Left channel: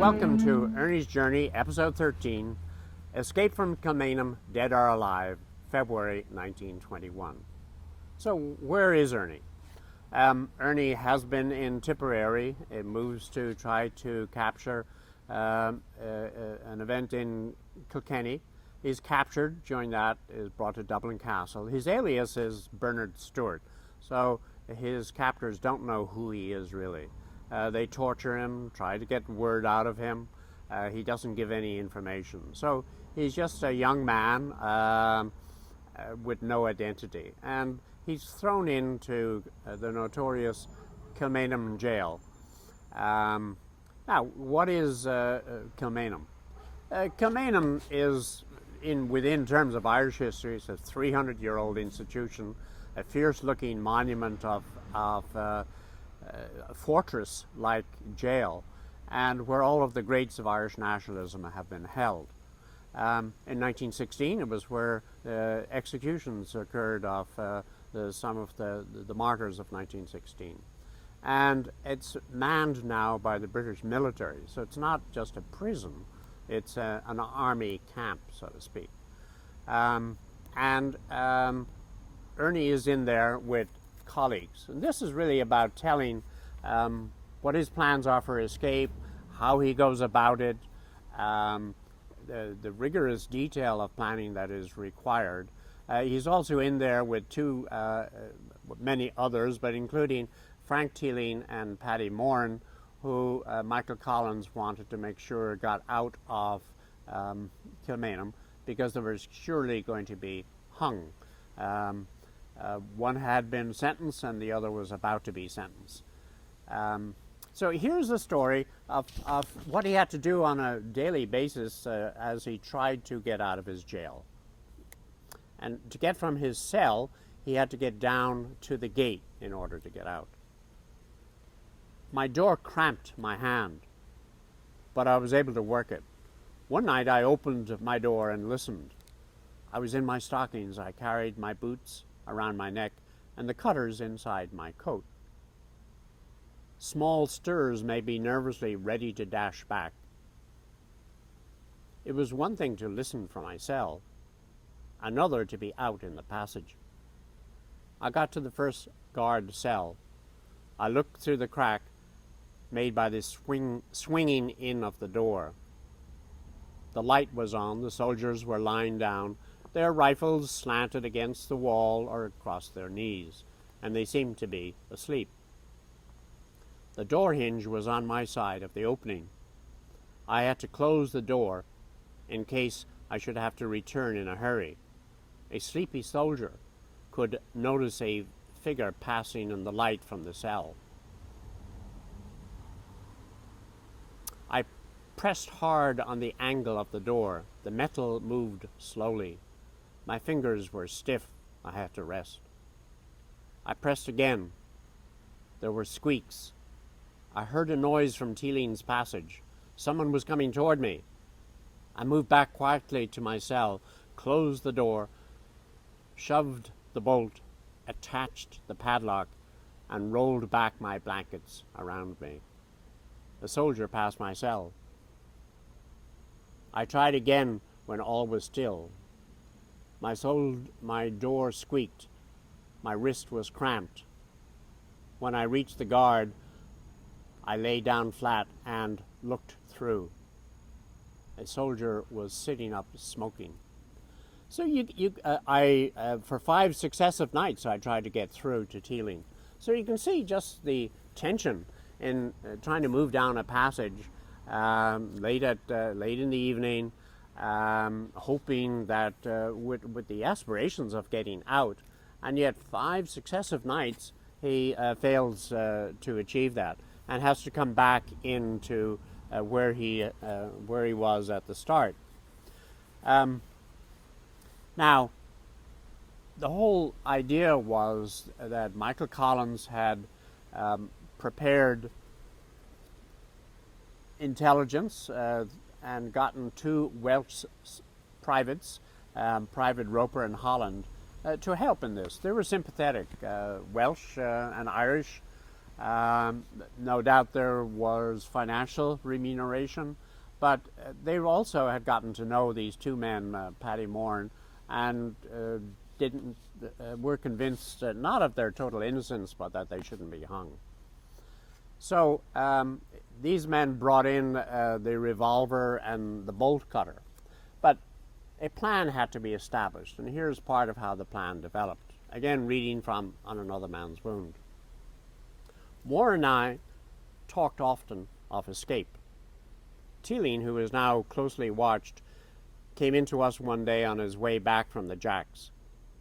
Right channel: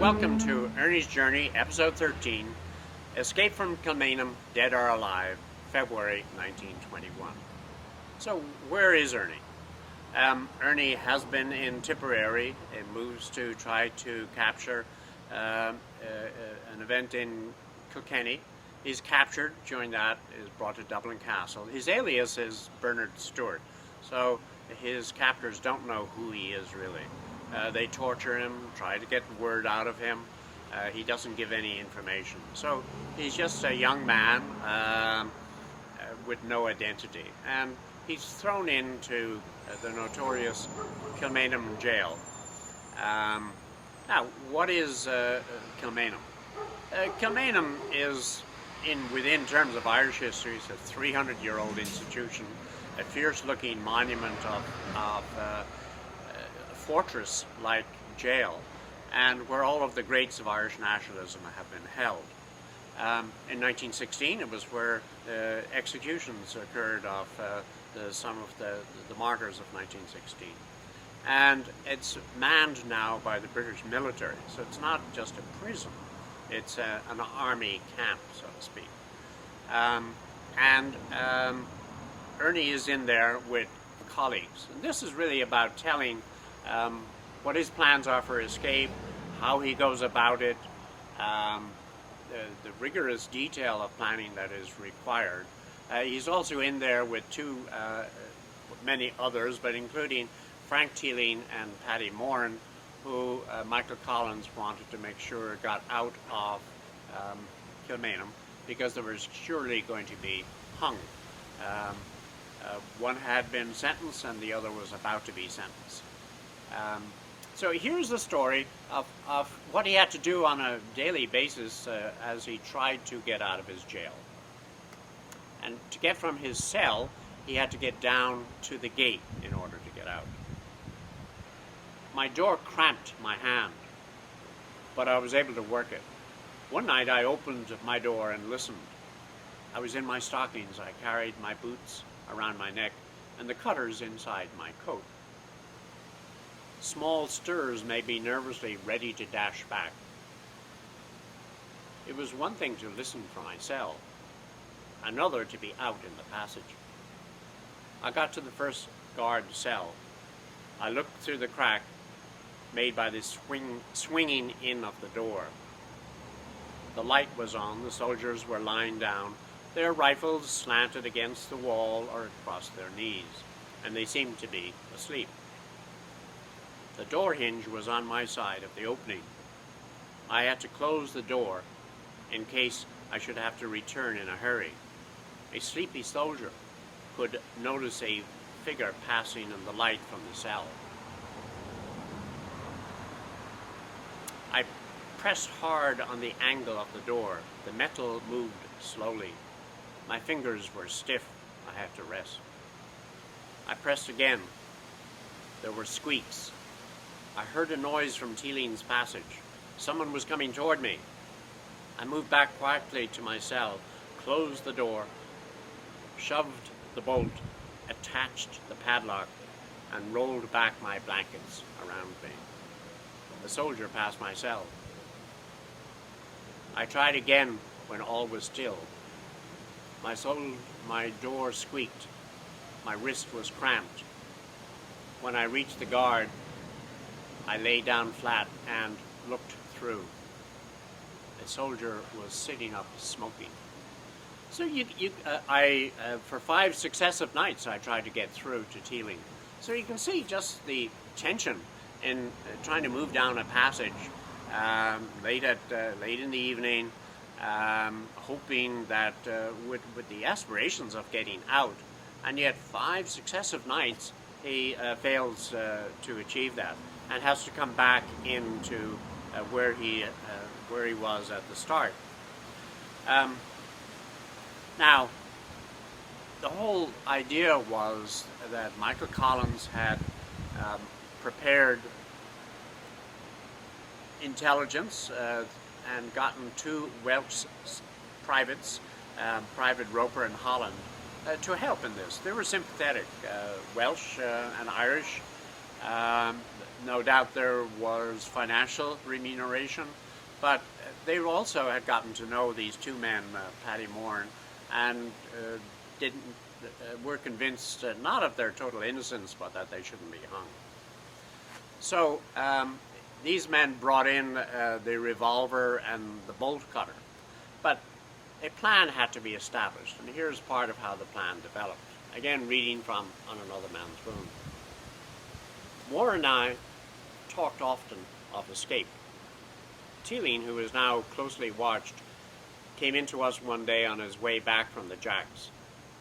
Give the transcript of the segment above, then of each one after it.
Welcome to Ernie's Journey, Episode 13, Escape from Kilmainham, Dead or Alive, February 1921. So, where is Ernie? Ernie has been in Tipperary. It moves to try to capture an event in Kilkenny. He's captured. During that, is brought to Dublin Castle. His alias is Bernard Stewart, so his captors don't know who he is really. They torture him, try to get word out of him. He doesn't give any information. So he's just a young man with no identity. And he's thrown into the notorious Kilmainham jail. Now, what is Kilmainham? Kilmainham is, within terms of Irish history, it's a 300-year-old institution, a fierce-looking monument of fortress-like jail, and where all of the greats of Irish nationalism have been held. In 1916, it was where executions occurred of some of the martyrs of 1916. And it's manned now by the British military, so it's not just a prison, it's an army camp, so to speak. Ernie is in there with colleagues, and this is really about telling what his plans are for escape, how he goes about it, the rigorous detail of planning that is required. He's also in there with many others, but including Frank Teeling and Paddy Moran, who Michael Collins wanted to make sure got out of Kilmainham because they were surely going to be hung. One had been sentenced and the other was about to be sentenced. So here's the story of what he had to do on a daily basis as he tried to get out of his jail. And to get from his cell, he had to get down to the gate in order to get out. My door cramped my hand, but I was able to work it. One night I opened my door and listened. I was in my stockings. I carried my boots around my neck and the cutters inside my coat. Small stirs made me nervously ready to dash back. It was one thing to listen from my cell, another to be out in the passage. I got to the first guard cell. I looked through the crack made by the swinging in of the door. The light was on. The soldiers were lying down, their rifles slanted against the wall or across their knees, and they seemed to be asleep. The door hinge was on my side of the opening. I had to close the door in case I should have to return in a hurry. A sleepy soldier could notice a figure passing in the light from the cell. I pressed hard on the angle of the door. The metal moved slowly. My fingers were stiff. I had to rest. I pressed again. There were squeaks. I heard a noise from Teeling's passage. Someone was coming toward me. I moved back quietly to my cell, closed the door, shoved the bolt, attached the padlock, and rolled back my blankets around me. The soldier passed my cell. I tried again when all was still. My door squeaked. My wrist was cramped. When I reached the guard, I lay down flat and looked through. The soldier was sitting up smoking. So for 5 successive nights I tried to get through to Teeling. So you can see just the tension in trying to move down a passage late in the evening, hoping that with the aspirations of getting out, and yet 5 successive nights he fails to achieve that and has to come back into where he was at the start. Um, Now, the whole idea was that Michael Collins had um, prepared intelligence and gotten two Welsh privates, Private Roper and Holland, to help in this. They were sympathetic, Welsh and Irish. No doubt there was financial remuneration, but they also had gotten to know these two men, Paddy Moran, and didn't were convinced not of their total innocence, but that they shouldn't be hung. So these men brought in the revolver and the bolt cutter, but a plan had to be established, and here's part of how the plan developed. Again, reading from On Another Man's Wound. Moore and I talked often of escape. Teeling, who was now closely watched, came in to us one day on his way back from the Jacks.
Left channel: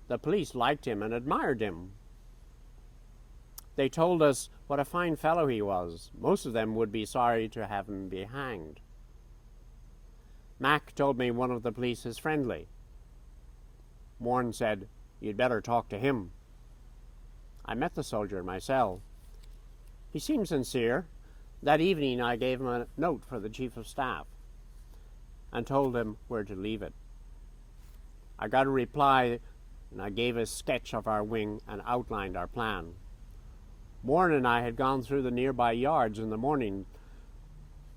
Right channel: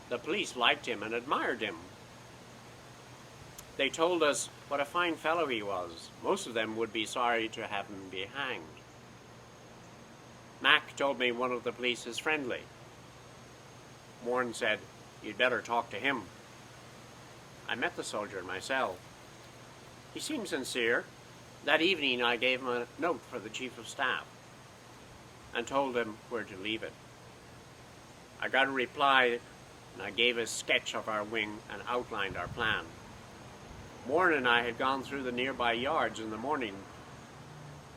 The police liked him and admired him. They told us what a fine fellow he was. Most of them would be sorry to have him be hanged. Mac told me one of the police is friendly. Morn said, "You'd better talk to him." I met the soldier myself. He seemed sincere. That evening I gave him a note for the Chief of Staff and told him where to leave it. I got a reply, and I gave a sketch of our wing and outlined our plan. Morn and I had gone through the nearby yards in the morning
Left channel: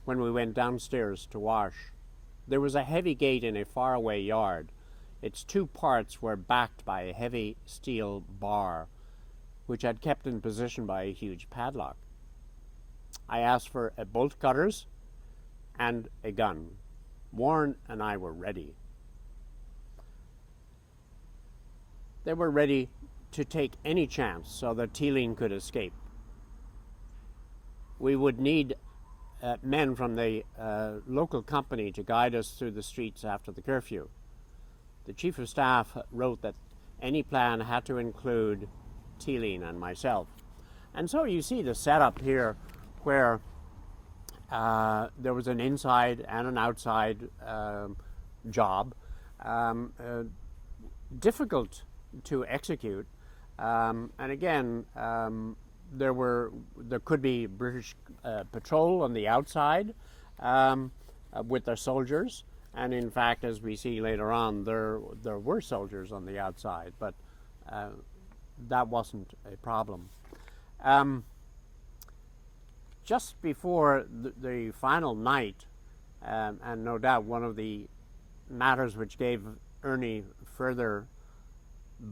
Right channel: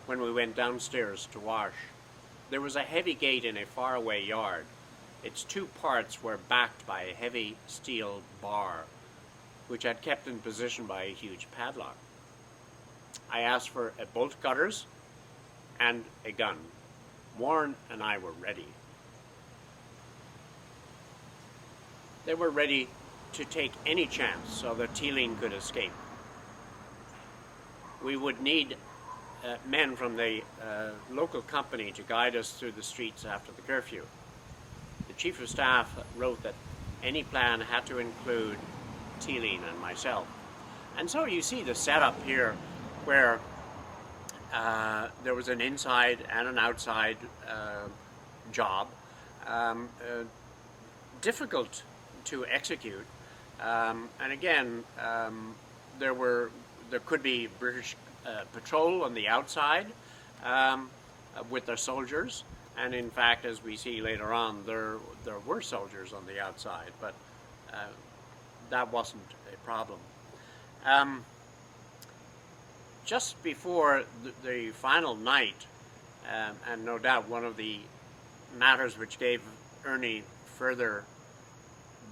when we went downstairs to wash. There was a heavy gate in a faraway yard. Its two parts were backed by a heavy steel bar, which had kept in position by a huge padlock. I asked for a bolt cutters and a gun. Warren and I were ready. They were ready to take any chance so that Teeling could escape. We would need men from the local company to guide us through the streets after the curfew. The Chief of Staff wrote that any plan had to include Teeling and myself. And so you see the setup here where there was an inside and an outside job, difficult to execute, and again there could be British patrol on the outside with their soldiers, and in fact, as we see later on, there were soldiers on the outside, but that wasn't a problem. Just before the final night, and no doubt one of the matters which gave Ernie further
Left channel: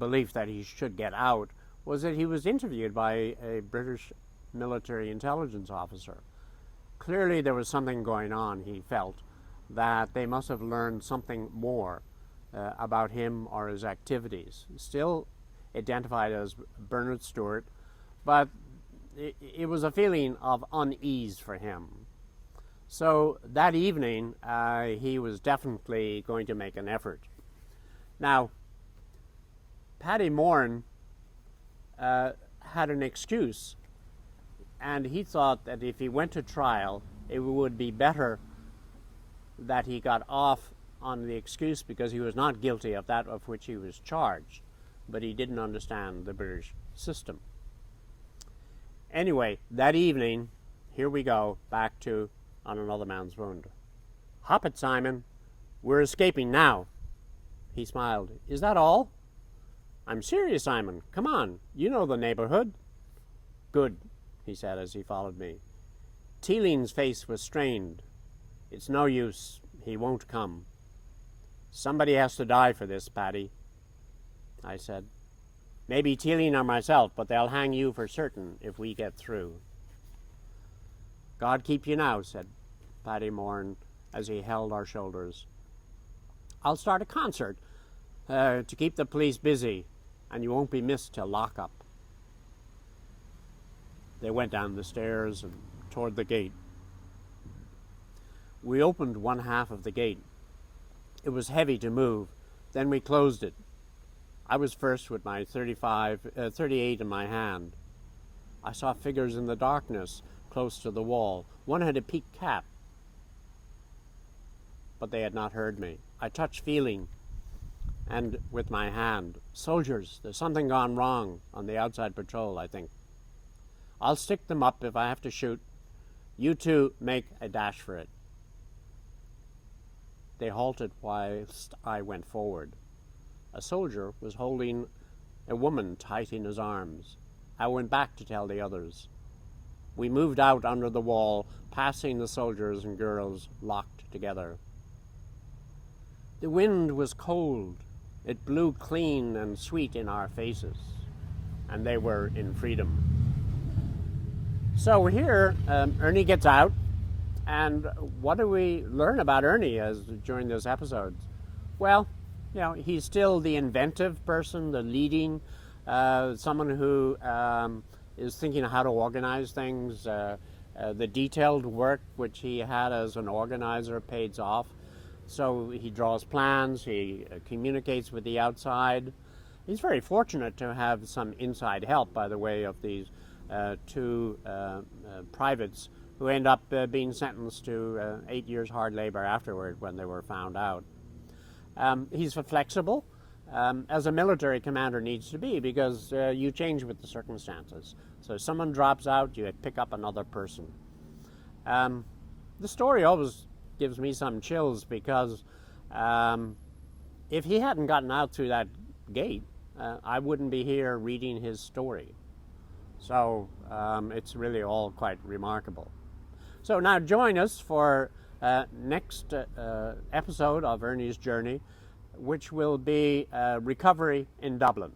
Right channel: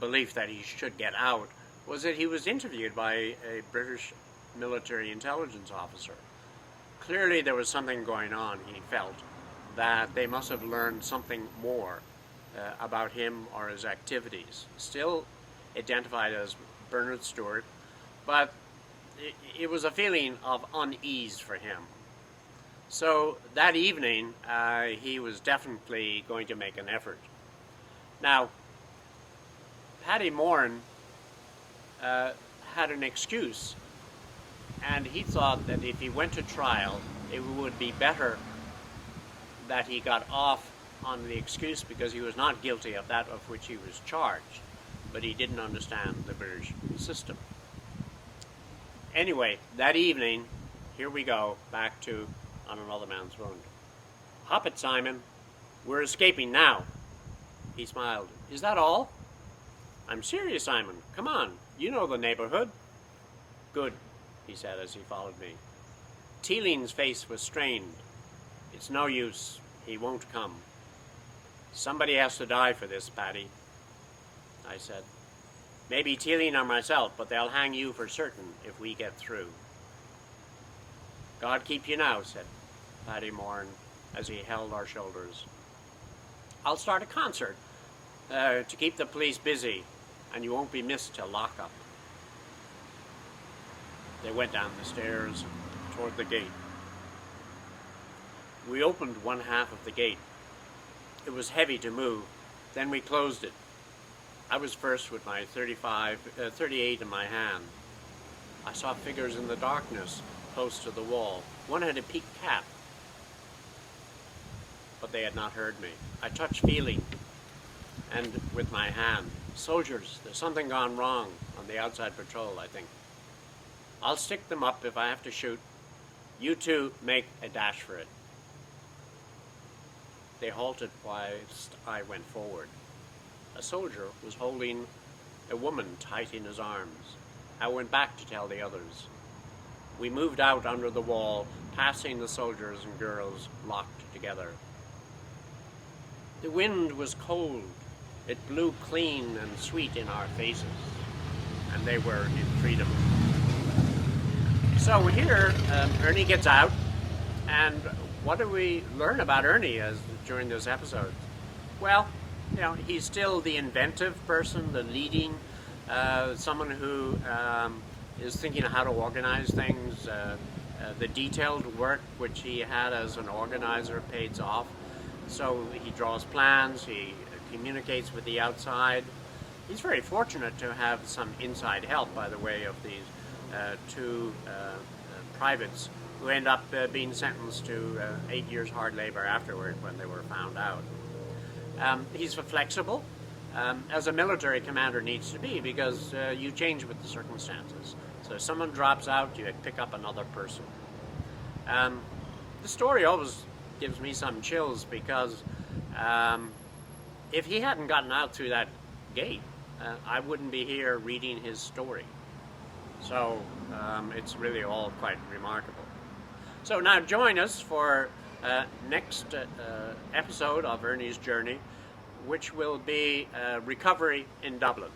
belief that he should get out, was that he was interviewed by a British military intelligence officer. Clearly there was something going on, he felt, that they must have learned something more about him or his activities. Still identified as Bernard Stewart, but it was a feeling of unease for him. So that evening, he was definitely going to make an effort. Now, Paddy Moran had an excuse, and he thought that if he went to trial, it would be better that he got off on the excuse because he was not guilty of that of which he was charged, but he didn't understand the British system. Anyway, that evening, here we go, back to On Another Man's Wound. "Hop it, Simon. We're escaping now." He smiled. "Is that all?" "I'm serious, Simon. Come on. You know the neighborhood." "Good," he said as he followed me. Teeling's face was strained. "It's no use. He won't come." "Somebody has to die for this, Paddy," I said. "Maybe Teeling or myself, but they'll hang you for certain if we get through." "God keep you now," said Paddy Moran as he held our shoulders. "I'll start a concert to keep the police busy, and you won't be missed till lock-up." They went down the stairs and toward the gate. We opened one half of the gate. It was heavy to move. Then we closed it. I was first with my 38 in my hand. I saw figures in the darkness close to the wall. One had a peaked cap. but they had not heard me. I touched feeling, and with my hand, "Soldiers, there's something gone wrong on the outside patrol, I think. I'll stick them up if I have to shoot. You two make a dash for it." They halted whilst I went forward. A soldier was holding a woman tight in his arms. I went back to tell the others. We moved out under the wall, passing the soldiers and girls locked together. The wind was cold. It blew clean and sweet in our faces, and they were in freedom. So here, Ernie gets out, and what do we learn about Ernie during this episode? Well, he's still the inventive person, the leading, someone who is thinking of how to organize things. The detailed work which he had as an organizer pays off. So he draws plans, he communicates with the outside. He's very fortunate to have some inside help by the way of these two privates who end up being sentenced to 8 years hard labor afterward when they were found out. He's flexible, as a military commander needs to be, because you change with the circumstances. So if someone drops out, you pick up another person. The story always gives me some chills because if he hadn't gotten out through that gate, I wouldn't be here reading his story. So it's really all quite remarkable. So now join us for next episode of Ernie's Journey, which will be recovery in Dublin.